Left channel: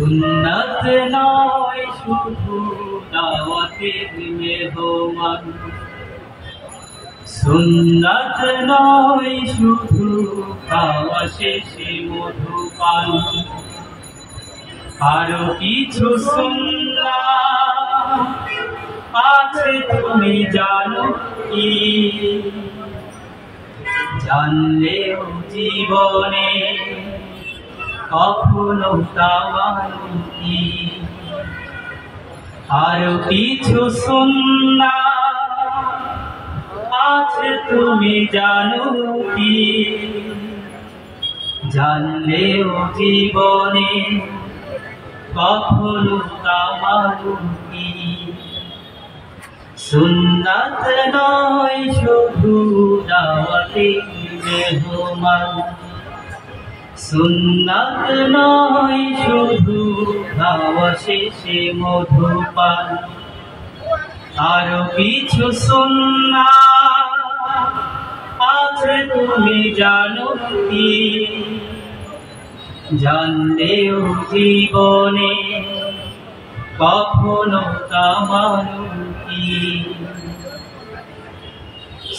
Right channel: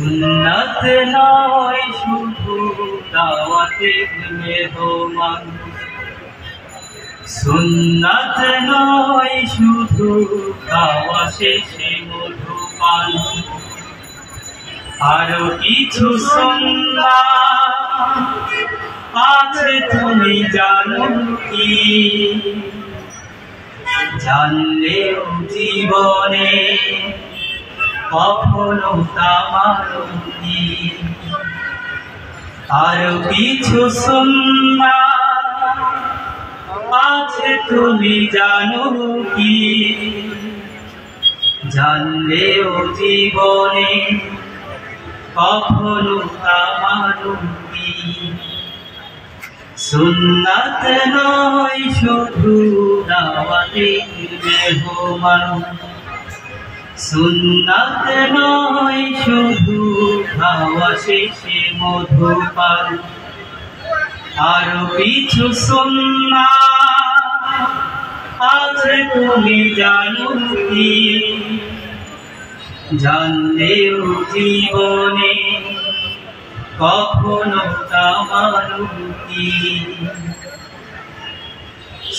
সুন্নাত নয় শুধু দাওয়াতের মেহমান, সুন্নাত নয় শুধু খাওয়া শেষে মধুপান, আরো কিছু সুন্নাত আছে তুমি জানো কি? জানলেও জীবনে কখনো তা মানো কি? আরো কিছু সুন্নাত আছে তুমি জানো কি? জানলেও জীবনে কখনো তা মানো কি? সুন্নাত নয় শুধু দাওয়াতের মেহমান, সুন্নাত নয় শুধু খাওয়া শেষে মধুপান, আরো কিছু সুন্নাত আছে তুমি জানো কি? জানলেও জীবনে কখনো তা মানো কি?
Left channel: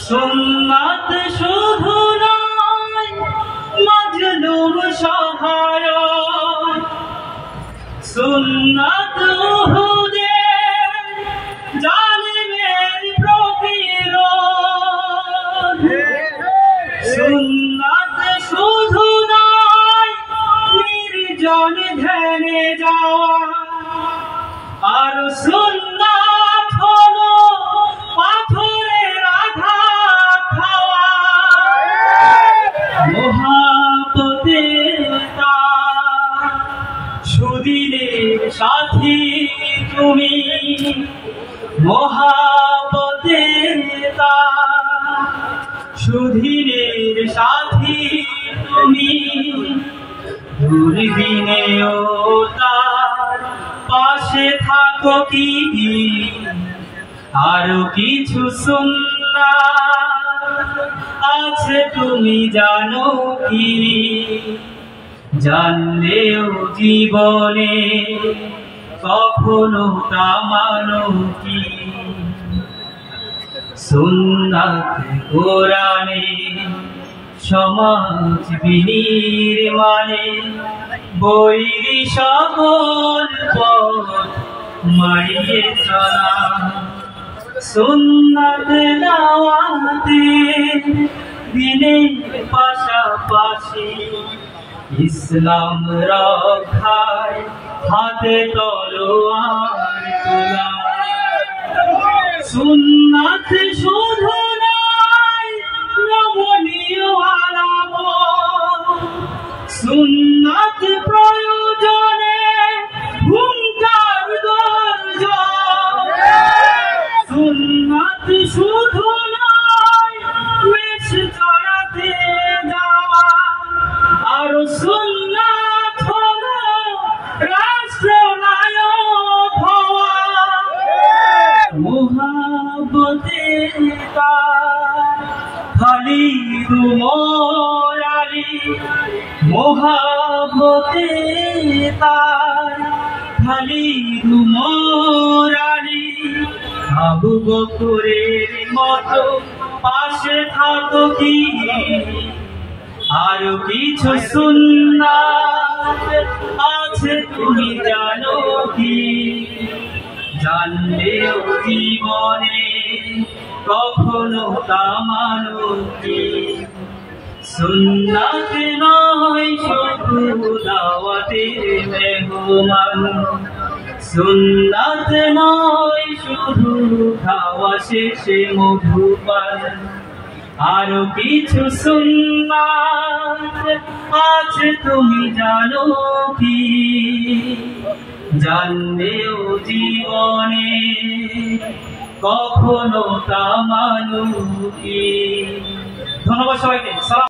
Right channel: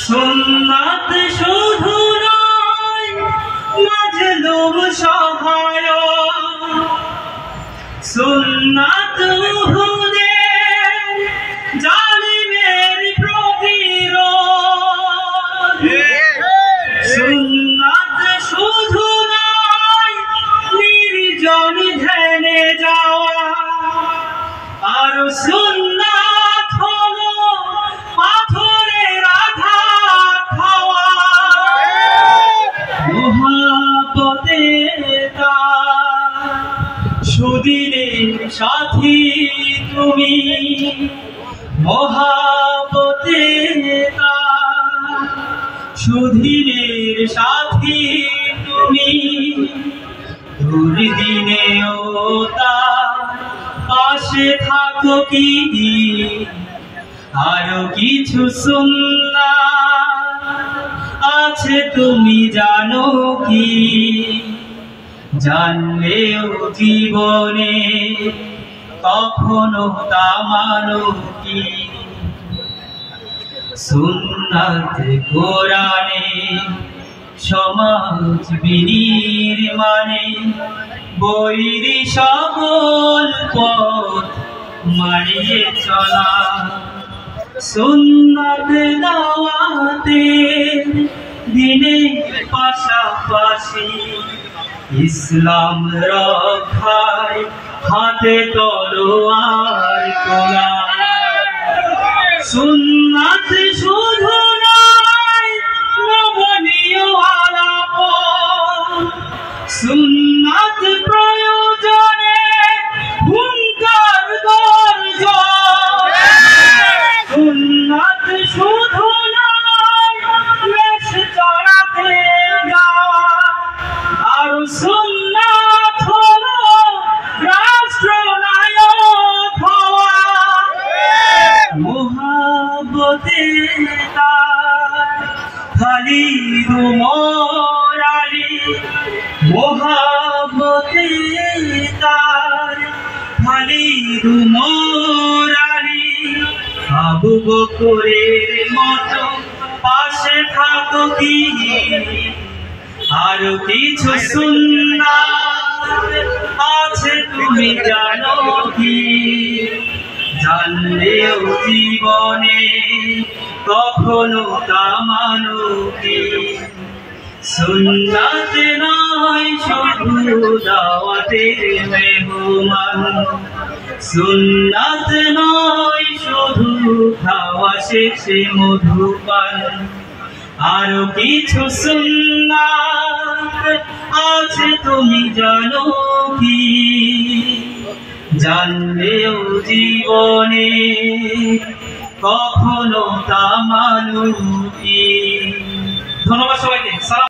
সুন্নাত শুধু নয় মাজলুম সহায়ক, সুন্নাত উহুদের জালিমের প্রতিরোধ, সুন্নাত শুধু নয় নির্জন ধ্যানে যাওয়া, আর সুন্নাত হলো পাথরের আঘাত খাওয়া। মুহাব্বতের তার সুদিনের সাথী তুমি, মুহাব্বতের তার সুদিনের সাথী তুমি, দুর্দিনেও তার পাশে থাকো কি? আরো কিছু সুন্নাত আছে তুমি জানো কি? জানলেও জীবনে কখনো তা মানো কি? সুন্নাত কোরআনে সমাজ বিনির্মাণে বৈরী সকল পথ মারিয়ে চলা, সুন্নাত দাওয়াতে দিনের পাশাপাশি ইসলাম রক্ষায় হাতে তলোয়ার তোলা। সুন্নাত শুধু নয় নমনীয় আলাপন, সুন্নাত প্রয়োজনে হুঙ্কার গর্জন, সুন্নাত শুধু নয় বেশ চড়াতে যাওয়া, আর সুন্নাত হলো রাষ্ট্রনায়ক হওয়া। মুহাব্বতের তার খালিদ উমর আলী, মুহাব্বতের তার খালিদ উমর আলী, আবু বকরের মতো পাশে থাকো কি? আরো কিছু সুন্নাত আছে তুমি জানো কি? জানলেও জীবনে কখনো তা মানো কি? সুন্নাত নয় শুধু দাওয়াতের মেহমান, সুন্নাত নয় শুধু খাওয়া শেষে মধুপান, আরো কিছু সুন্নাত আছে তুমি জানো কি? জানলেও জীবনে কখনো তা মানো কি? ধন্যবাদ সবাইকে।